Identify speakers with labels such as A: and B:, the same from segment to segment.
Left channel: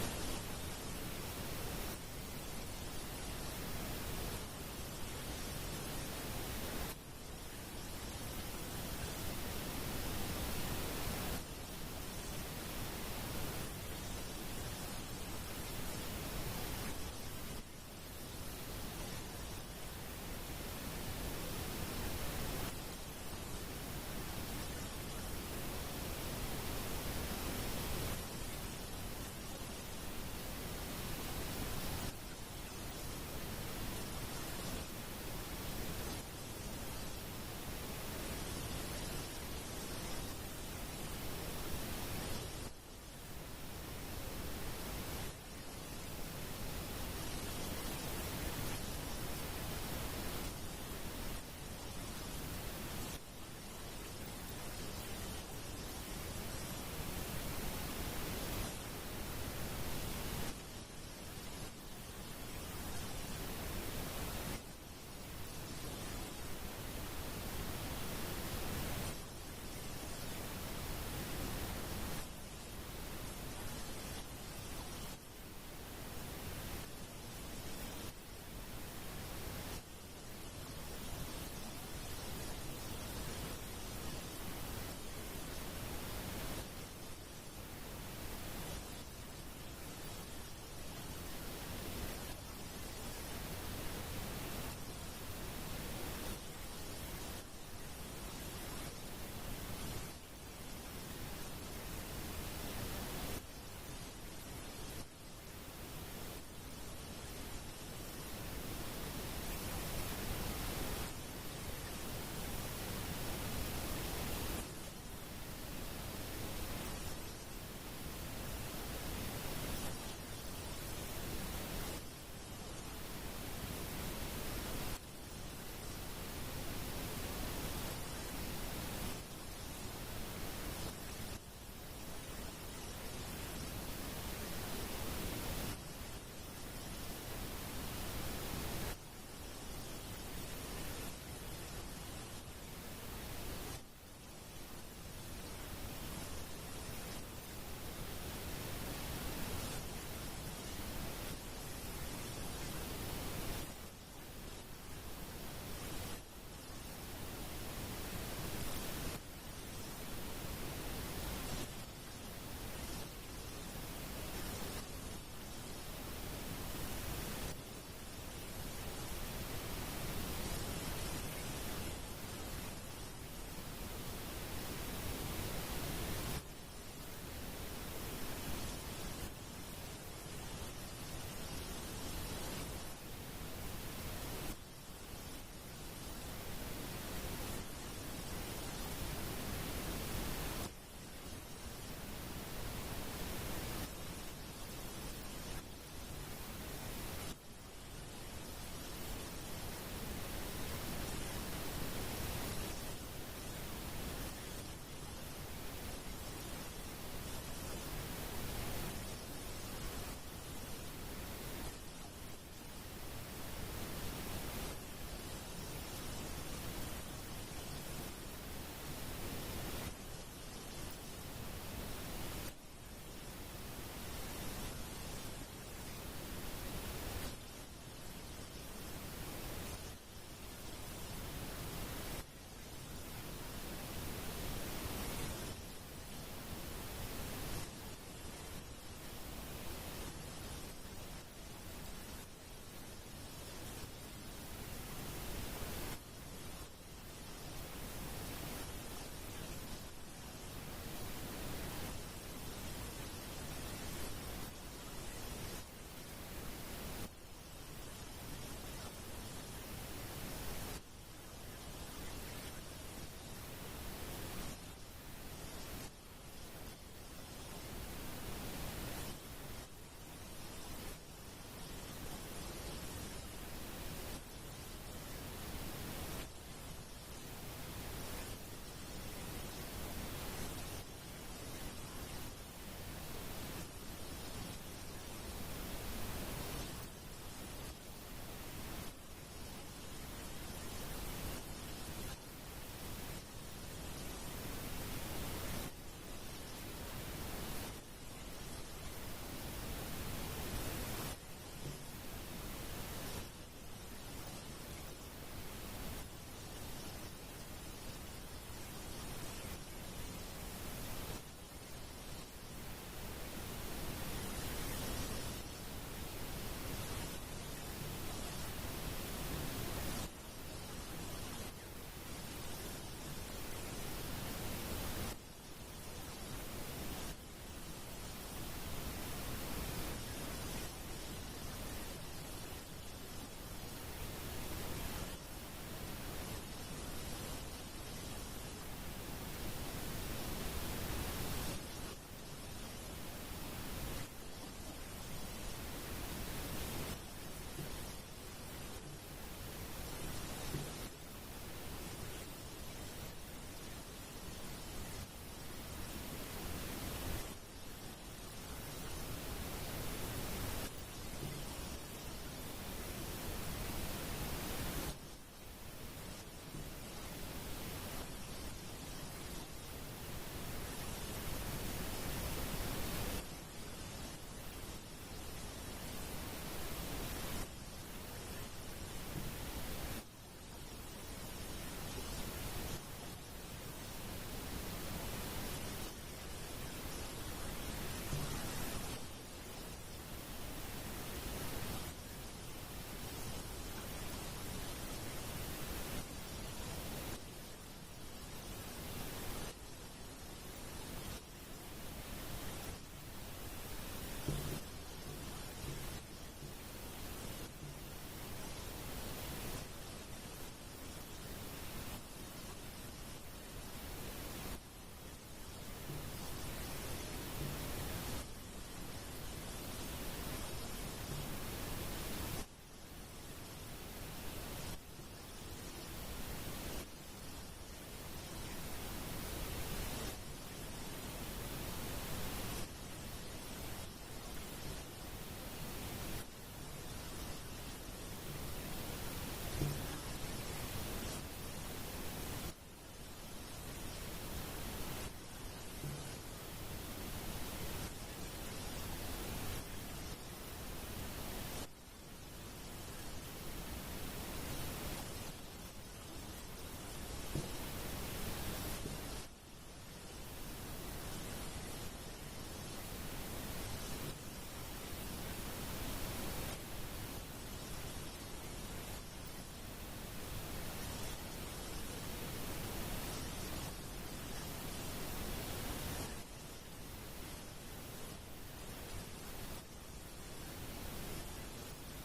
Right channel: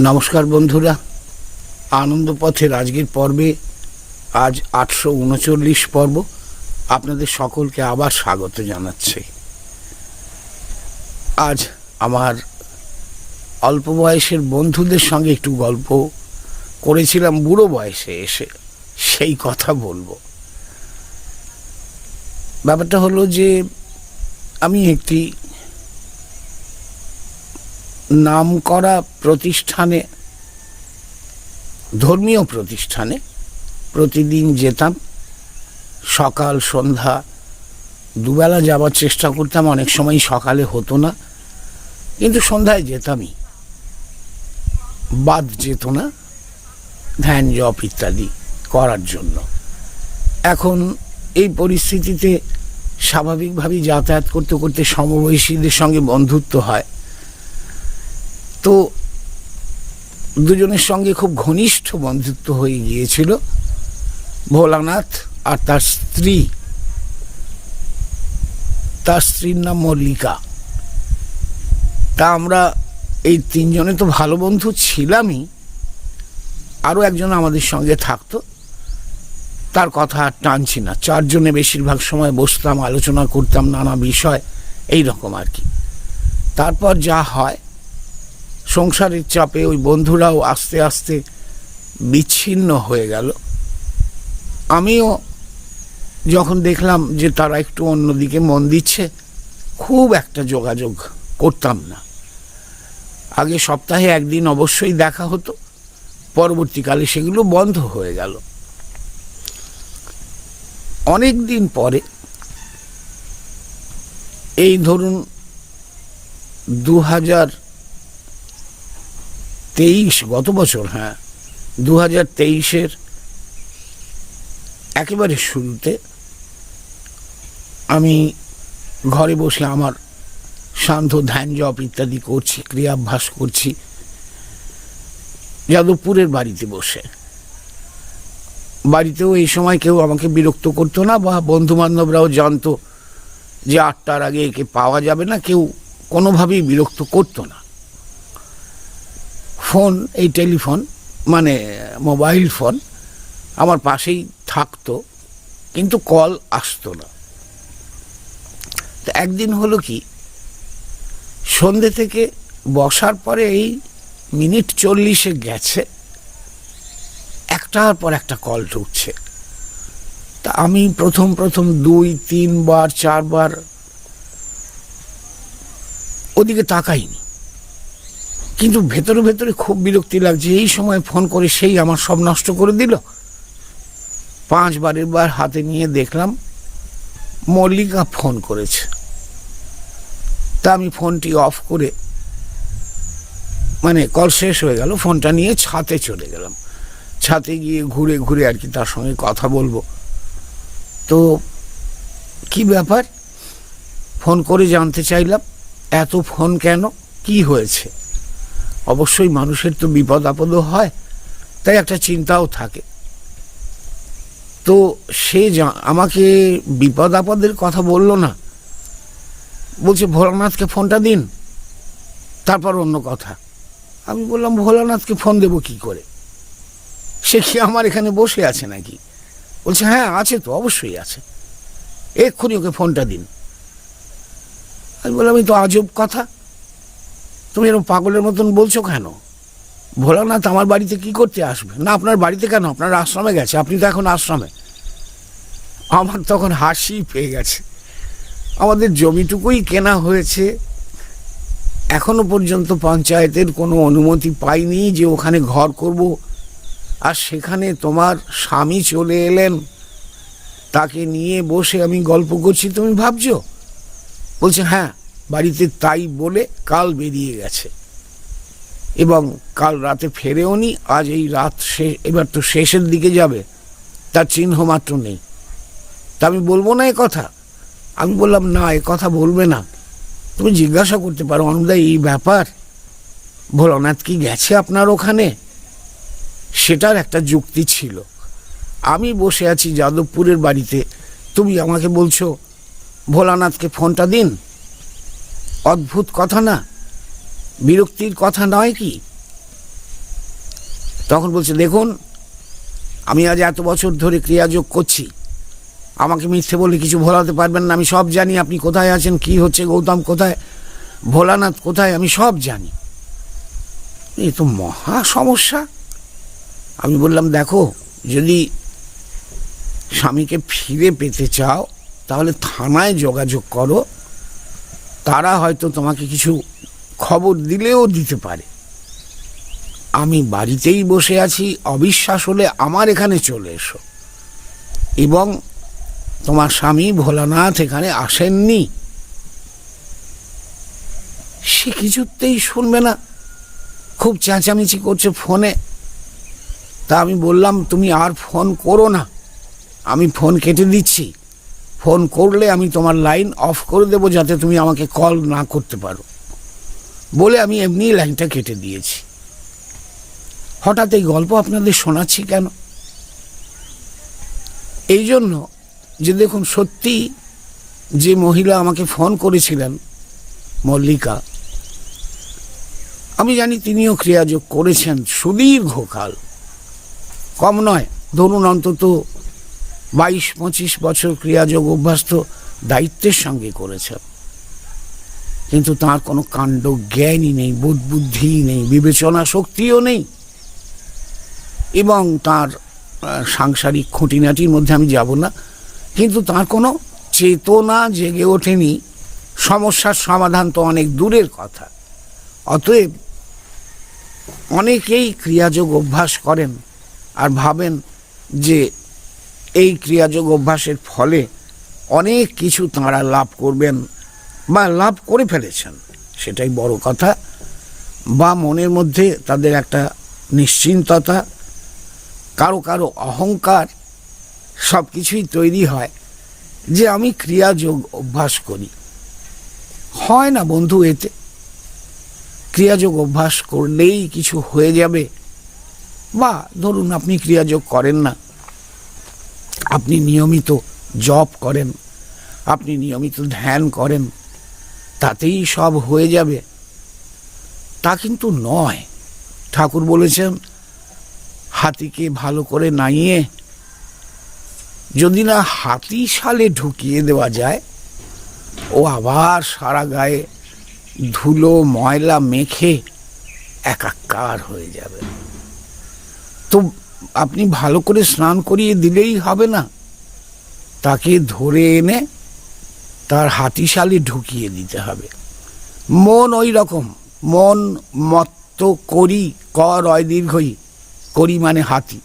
A: নমস্কার বন্ধুরা। আনন্দ পথের আজকের পর্বে আজ আটশো উনচল্লিশ পর্ব। আপনাদের সকলকে আবার স্বাগত জানাচ্ছি। আজ আমার অল্প বয়সের বন্ধুদের সঙ্গে একটু গল্প করেছিলাম, বুড়ো বয়সে এসে সেই কথা বলব। ব্যাপারটা হলো যে, আমি একটি নামকরা প্রতিষ্ঠানে, ধর্মীয় প্রতিষ্ঠানে প্রতিদিন যেতাম। সকাল, সন্ধ্যা, দুবেলা যাওয়ার চেষ্টা করতাম, অনেক সময় সকালে হতো না। কিন্তু সন্ধ্যায় যেতামই। বাদ যেত না, ধ্যান, জপ ইত্যাদি করার জন্য। এখন এই পরিস্থিতিতে স্বাভাবিকভাবেই যাতায়াত করতে করতে সমবয়সীদের সঙ্গে বন্ধুত্ব হয়। তো দুজনের সঙ্গে খুব ঘনিষ্ঠ বন্ধুত্ব হয়ে গিয়েছিল। ভোলানাথ আর তার স্ত্রী। তার স্ত্রীর নাম মল্লিকা। তা আমরা এই তিনজনে তো ভালো বন্ধু ছিলামই। আরও একজন আমাদের সঙ্গে থাকতো। তার কথা আর টানছি না। চারজনে বেশিরভাগ সময় বসতাম, আলোচনা করতাম, নানা বিষয় এই রকম আর কি। তারপর যা হয় সংসারের চাপে ওই বন্ধুরাও আস্তে আস্তে বিচ্ছিন্ন হয়ে গেল। আমিও যখন দেখলাম যে তারা একটু অন্যদিকে মন দিচ্ছে, খুব একটা যোগাযোগ করতাম না। আগে সপ্তাহে একদিন অবশ্যই দেখা হতো, পরবর্তীকালে সেগুলো বন্ধ হয়ে গেল। অনেক দিন পরে এই ধরুন দু হাজার তেইশ, গত বছর হ্যাঁ দু হাজার তেইশের একেবারে শুরুতে আমি ঘরে বসে আমার শান্ত ধ্যান জপ ইত্যাদি করছি, ক্রিয়াভ্যাস করছি, যাদবপুরের বাড়িতে বসে। বাড়িতেও এই সময় কেউ আমাকে বিরক্ত করতো না বা বন্ধু বান্ধবরাও জানতো যে আটটার আগে একে পাওয়া যাবে না, কেউ কোনোভাবেই বিরক্ত করতো না। ফোন, এই টেলিফোন মানে মোবাইল ফোন আমার পাশেই থাকতো, কিন্তু কল আসতো না। তো একদিন হলো কি, সন্ধে থেকে বসার পরে এই মিনিট চল্লিশে গেছে, একটার পর একটা কল ঢুকছে। তা আমি প্রথম প্রথম দুই, তিনবার, চারবার ওদিকে তাকাইনি। কিন্তু ভেতরে ভেতরে খুব বিরক্তি লাগছে। এই সময় ফোন করে সেই আমার সব নষ্ট করে দিল। পাঁচ বারের বার হাতে নিয়ে দেখলাম মল্লিকা ফোন করেছে। তা আমি ফোনটি অফ করে মানে কল শেষ হয়ে গেল, ফোনটা নিয়ে ছাতে চলে গেলাম। ছাতে গিয়ে ঘুরে ঘুরে আর কি তার সঙ্গে কথা বলব। তো কি ব্যাপার? ফোন করে জানতে চাইলাম, এত ফোন কেন? কি হয়েছে? অবশ্যই মানুষের তো বিপদ আপদও হয়, তাই একটা চিন্তাও থাকে। তো সে আমাকে বিপদ আপদের কথা বলল না। বলছে, ভোলানাথকে ফোনটা দিন, তারপর অন্য কথা। আমি বললাম, ভোলানাথকে ফোন দেবো কি করে? সে কি আমার এখানে বসে আছে নাকি? বলছে হ্যাঁ আছে তো, অবশ্যই আছে। এক্ষুনি ওকে ফোনটা দিন। আমি বললাম, এই তো আজব কথা। তুমি এরকম পাগলের মতন বলছো কেন? ভোলানাথ আমার বাড়িতে কি করতে আসবে? না, আপনার বাড়িতে কেন? আপনার আশ্রমে গেছে। আপনি তো এখন আশ্রমে। আমার তখন হাসি পেয়ে গেছে। আমাদের জমিটুকুই কেনা হয়েছে। এখনও পর্যন্ত পঞ্চায়েতের কোনো অনুমতি পাইনি যে ওখানে ঘর করব। আর সেখানে তোমার স্বামী চলে এলেন। তাকে নিয়ে বসে আমি গল্প করছি, তুমি ভাবছ? বলছে হ্যাঁ বাড়িতে তাই বলে কাল বেরিয়ে গেছে। এবং কাল রাতে ফেরেও নি, আজ এই রাত শেষ এবার তো শেষের দিকে যাবে, তার চিহ্ন মাত্র নেই। তা আমি বলব না কথা। আমি বললাম, না, এ কথা বলবে না। তুমি জিজ্ঞাসা করতে পারো অনুদা এই ব্যাপার? ভোলানাথ কি গেছে আপনার ওখানে? সেটার একটা যুক্তি ছিল। আমি বসে আছি যাদবপুরের বাড়িতে। তুমি আমাকে বলছো, ভোলানাথকে ফোনটা দিন? অদ্ভুত কথা না। বিরক্তির কথা নয় কি? তখন বলছে, দেখুন, আমি আজ এত বছর ধরে ক্রিয়াযোগ করছি। আমাকে মিথ্যে বলে কিছু ভোলাতে পারবেন না। আমি সব জানি। আপনি কোথায় আছেন? কি হচ্ছে? গৌতম কোথায়? ভোলানাথ কোথায়? আমি সব জানি। এ তো মহা সমস্যা। আমি বললাম, দেখো, যদি স্বামীকে ফিরে পেতে চাও, তাহলে থানায় যোগাযোগ করো। তারা হয়তো তোমাকে কিছু খবর দিলেও দিতে পারে। আমি বাড়িতেই বসে আছি, অবিশ্বাস হলে আমার এখানে চলে এসো। এবং তোমার স্বামী ভোলানাথ এখানে আসেননি। সে কিছুতেই শুনবে না। খুব চেঁচামেচি করছে ফোনে। তা আমি বললাম, তুমি আর ফোন করো না। আমি ফোন কেটে দিচ্ছি। ফোন করলে আমি তোমার লাইন অফ করে দেবো যাতে তুমি আমাকে কল না করতে পারো। বলে আমি এমনি লাইনটা কেটে দিয়েছি। হঠাৎ এই গল্প আপনাদের শোনাচ্ছি কেন? এই জন্য যে দেখুন, সত্যি যে মহিলা আমাকে ফোন করেছিলেন, মল্লিকা, আমি জানি তিনিও ক্রিয়াযোগ করেছেন সুদীর্ঘকাল। কম নয়, ধরুন অন্তত বাইশ, পঁচিশ বছর ক্রিয়াযোগ অভ্যাস তো দায়িত্বের সঙ্গে করেছেন কিন্তু তার কোনো কাণ্ড জ্ঞানই নেই, বোধ বুদ্ধি নেই, বিবেচনা শক্তিও নেই। এবং তার সাংসারিক খুঁটিনাটির মধ্যে আমি যাব না। কিন্তু তার কোনো চেতনা জেগে ওঠেনি। সমস্যার সমাধান তো অনেক দূরের কথা। অতএব অনেকেই ক্রিয়াযোগ অভ্যাস করেন আর ভাবেন যে এই ক্রিয়াযোগ অভ্যাসের ফলে অনেক কিছু তাঁরা লাভ করবেন বা লাভ করে ফেলেছেন। সেটাই বড় কথা। বা মনের মধ্যে তাদের একটা নিশ্চিন্ততা, কারও কারও অহংকার সব কিছুই তৈরি হয় যে আমি ক্রিয়াযোগ অভ্যাস করি। হয় না বন্ধু এতে? ক্রিয়াযোগ অভ্যাস করলেই কিছু হয়ে যাবে? বা ধরুন আপনি ক্রিয়াযোগ করেন না। আপনি নিয়মিত জপ করেন, আপনি নিয়মিত ধ্যান করেন, তাতেই সব হয়ে যাবে। তা কিন্তু নয়। ঠাকুর বলেছেন, হাতিকে ভালো করে নাইয়ে যদি না হাতি সালে ঢুকিয়ে দেওয়া যায়, ও আবার সারা গায়ে ধুলো, ময়লা মেখে একাকার হয়ে যাবে। তো আপনি ভালো করে স্নান করিয়ে দিলেই হবে না। তাকে ধরে এনে তার হাতিশালে ঢুকিয়ে দিতে হবে। মন ওই রকম। মন মত্ত করি, ক রয় দীর্ঘই, করি মানে হাতি।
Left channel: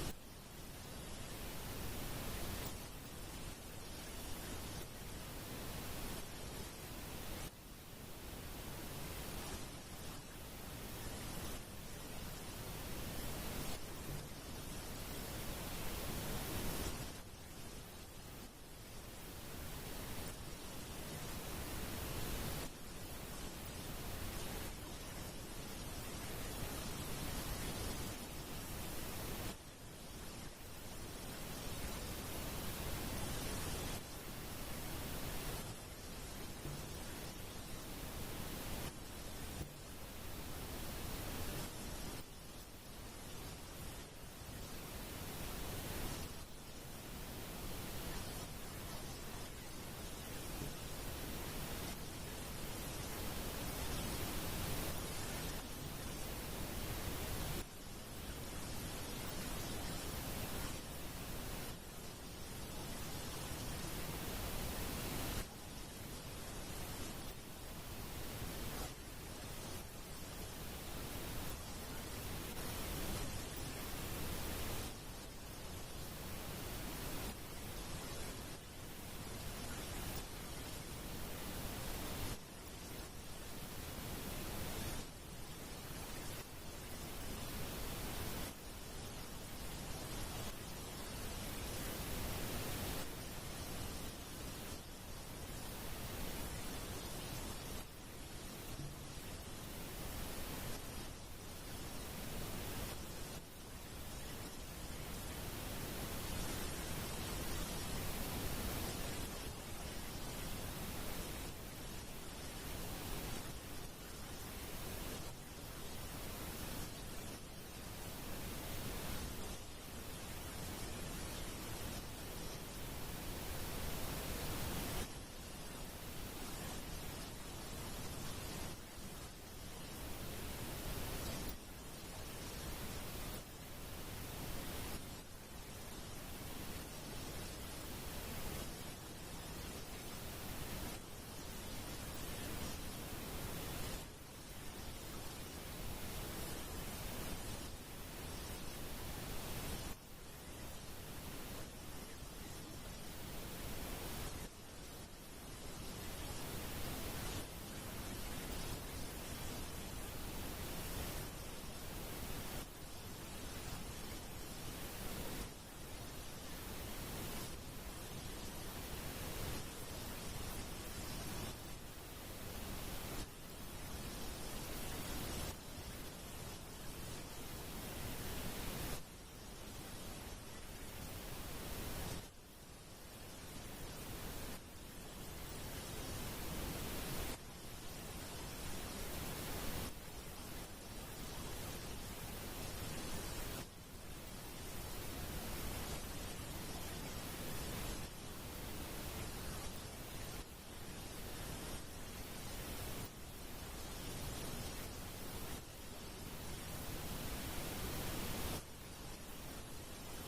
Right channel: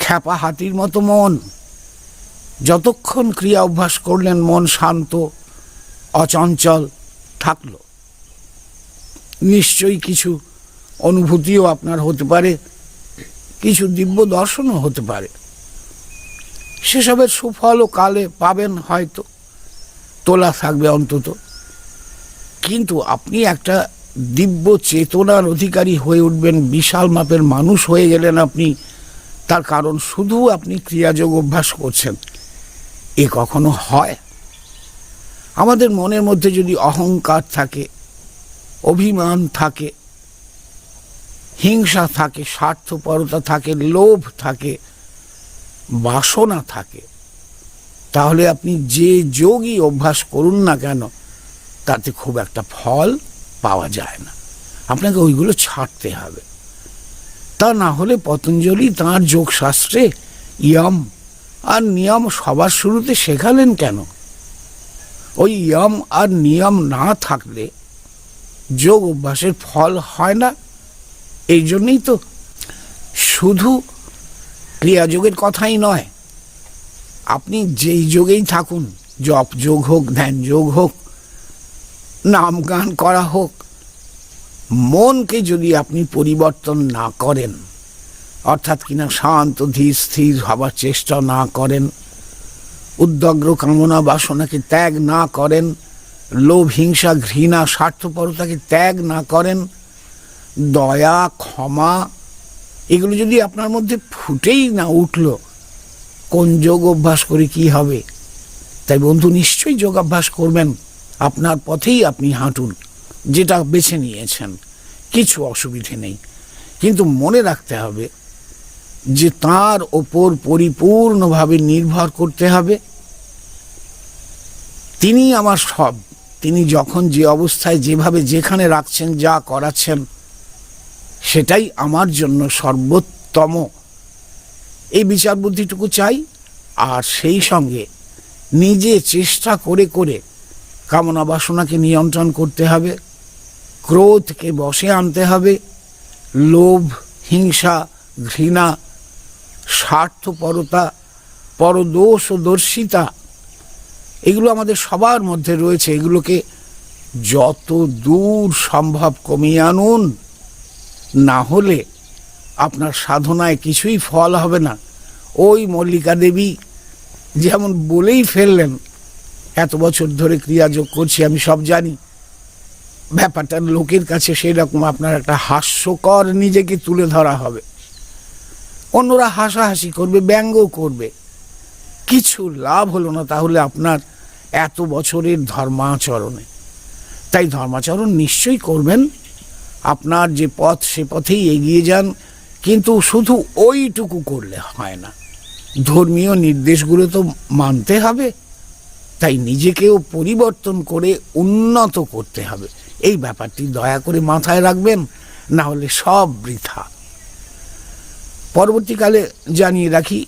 A: খ্যাপা হাতির মতো মন। যতক্ষণ ক্রিয়া অভ্যাস করলেন, মন শান্ত, অচঞ্চল থাকল। নিশ্চয়ই কিছু অনুভূতিও আপনার হতে পারে। কিছু দিব্য দর্শনও হতে পারে। সেসবের সুফলও কালে পাবেন হয়তো। তোলা থাকবে অন্তত। কিন্তু আপনি একটা দিব্য চেতনার অধিকারী হয়ে উঠবেন, বিশাল মাপের মানুষ হয়ে গেলেন আপনি। তার কারণ শুধু আপনি ক্রিয়াযোগ অভ্যাস করছেন। এ কখনো হয়? আমাদের মনের মধ্যে যদি অহংকার থাকে, অভিমান থাকে হিংসা থাকে, স্বার্থপরতা থাকে, লোভ থাকে, বাসনা থাকে। তাহলে আপনি যে যোগই অভ্যাস করুন না কেন, তাতে খুব একটা ফল পাওয়া যায় না। আপনাকে ওইগুলো ছাড়তে হবে। তা না হলে পতঞ্জলি তাঁর যোগশাস্ত্রে ইয়ম আর নিয়ম সবার শুরুতে শেখালেন কেন? ওই ইয়ম আর নিয়ম না থাকলে যোগ অভ্যাসের ফল হয় না। এই জন্যই তো শুধু ক্রিয়াযোগের কথাই নয়, আপনি যেই যোগেই থাকুন, জপ যোগ হোক, ধ্যান যোগ হোক, নাম গান করা হোক, মনকে যদি আপনি পরিবর্তন না করেন, অর্থাৎ কিনা শান্ত, ধীর, স্থির হবার চেষ্টা না করেন উদ্যগ্র কামনা বাসনাকে ত্যাগ না করেন, লোভ, হিংসা, ঘৃণা, স্বার্থপরতাকে ত্যাগ না করেন দয়া, ক্ষমা, এগুলো যদি আপনার মধ্যে ফুটেই না উঠল, কোন যোগ অভ্যাস করে কি হবে? তাই বন্ধু, নিশ্চয়ই যোগাভ্যাস করবেন। আপনার পথেই আপনি হাঁটুন, যেটা বেছে নিয়েছেন, কিছু অসুবিধে নেই। কিন্তু মনে রাখতে হবে যে তার ওপর পরিপূর্ণভাবে নির্ভর করতে হবে। তিনি আমার সব। তিনি যখন যে অবস্থায়, যেভাবে যেখানে রাখছেন, যা করাচ্ছেন সেটাই আমার জন্য সর্বোত্তম। এই বিচার বুদ্ধিটুকু চাই, আর সেই সঙ্গে নিজে চেষ্টা করে করে কামনা বাসনাকে নিয়ন্ত্রণ করতে হবে, ক্রোধকে বশে আনতে হবে, লোভ, হিংসা, ঘৃণা, স্বার্থপরতা পরদোষ ও দর্শিতা এগুলো আমাদের সবার মধ্যে রয়েছে, এগুলোকে যত দূর সম্ভব কমিয়ে আনুন। না হলে আপনার সাধনায় কিছুই ফল হবে না। ওই মল্লিকা দেবী যেমন বলেই ফেললেন, এত বছর ধরে ক্রিয়াযোগ করছি, আমি সব জানি। ব্যাপারটা লোকের কাছে সেই রকম আপনার একটা হাস্যকর নিজেকে তুলে ধরা হবে। অন্যরা হাসাহাসি করবে, ব্যঙ্গ করবে। কিছু লাভ হলো না তাহলে আপনার এত বছরের ধর্মাচরণে। তাই ধর্মাচরণ নিশ্চয়ই করবেন আপনার যে পথ, সে পথেই এগিয়ে যান। কিন্তু শুধু ওইটুকু করলে হয় না। ধর্মীয় নির্দেশগুলো তো মানতে হবে। তাই নিজেকেও পরিবর্তন করে উন্নত করতে হবে। এই ব্যাপারটি দয়া করে মাথায় রাখবেন, না হলে সব বৃথা। পরবর্তীকালে জানিয়ে রাখি,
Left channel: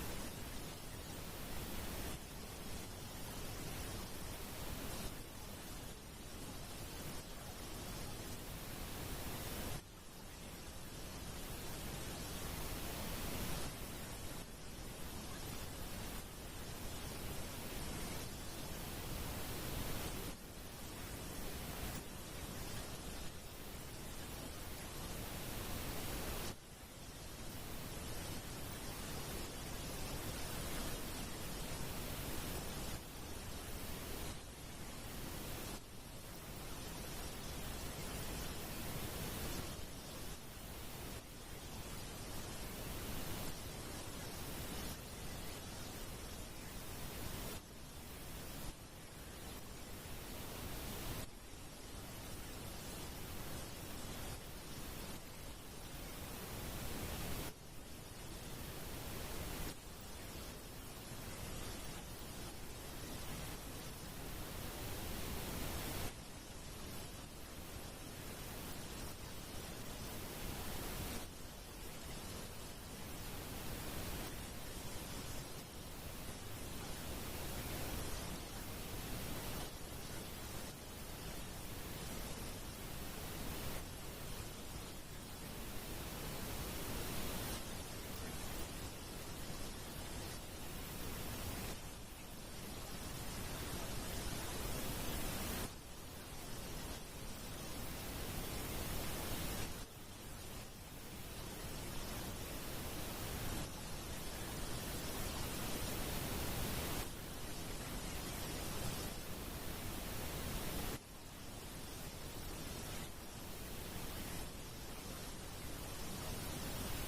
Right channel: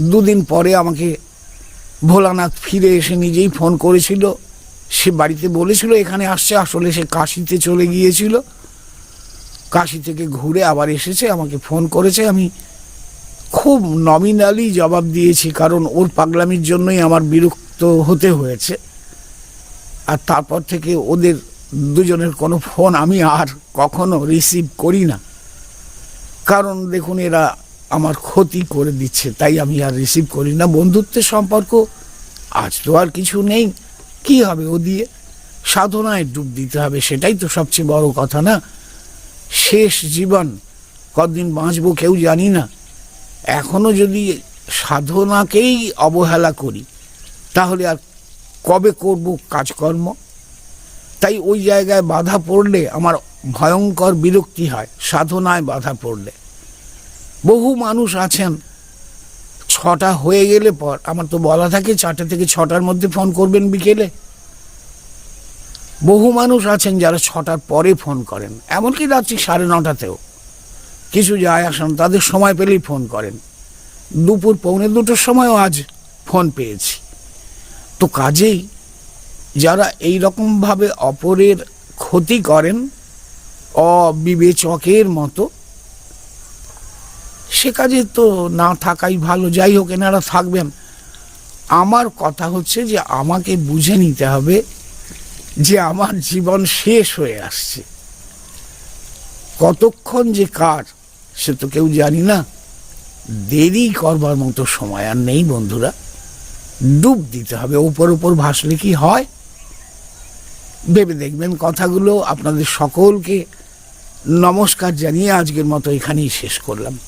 A: দুদিন পরে আমাকে ভোলানাথ ফিরে এসে নিজেই ফোন করেছিল। সে বাড়িতে বলেছিল, এখানে আসছে। আসলে সে কাশিতে চলে গিয়েছিল। কাশি থেকে ঘুরে আবার এসেছে, আমাকে ফোন করেছে। আমি খুব নমিনালি জবাব দিয়েছি, কারণ ওর পাগলামির জন্যই আমার বিরক্ত হতে হয়েছে। আর তারপর থেকে ওদের দুজনের কোনো ফোন আমি আর কখনো রিসিভ করি না। কারণ দেখুন, এরা আমার ক্ষতি করে দিচ্ছে, তাই আমি আর রিসিভ করি না। বন্ধুত্বের সম্পর্ক আজ তো আর কিছু নেই, কি হবে ও দিয়ে? সাধনায় ডুব দিতে হবে, সেটাই তো সবচেয়ে বড় কথা, না? শেষ জীবন, কতদিন বাঁচবো কেউ জানি না। এখনও যদি সাধনাকেই অবহেলা করি, তাহলে আর কবে করব কাজকর্ম? তাই ওই জায়গায় বাধা পড়লে আমার ভয়ঙ্কর বিরক্তি হয়, সাধনায় বাধা পড়লে। বহু মানুষ আছেন, ছটা হয়ে গেলে পর, আমার তো বলা থাকে চারটে থেকে ছটার মধ্যে ফোন করবেন বিকেলে। বহু মানুষ আছেন যারা ছটার পরে ফোন করেন। এমনকি রাত্রি সাড়ে নটাতেও। কিছু যায় আসেন, তাদের সময় পেলেই ফোন করেন। দুপুর পৌনে দুটোর সময়ও আজ ফোন পেয়েছি। তো কাজেই যারা এই রকমভাবে অপরের ক্ষতি করেন, অবিবেচকের মতো, সে কাজে তো না থাকাই ভালো। যাই হোক, এনারা থাকবেন। আমার কথা হচ্ছে যে আমাকে বুঝে নিতে হবে যে আমার জীবন শেষ হয়ে আসছে। কতক্ষণ যে কার, সে তো কেউ জানি না। দেরি করবার মতো সময় আর নেই বন্ধুরা। ডুব দিতে হবে ওপর ওপর ভাসলে কি হয়? ভেবে দেখবেন কথাগুলো আপনাদের সকলকে নমস্কার জানিয়ে আজকের মতো এখানেই শেষ করলাম।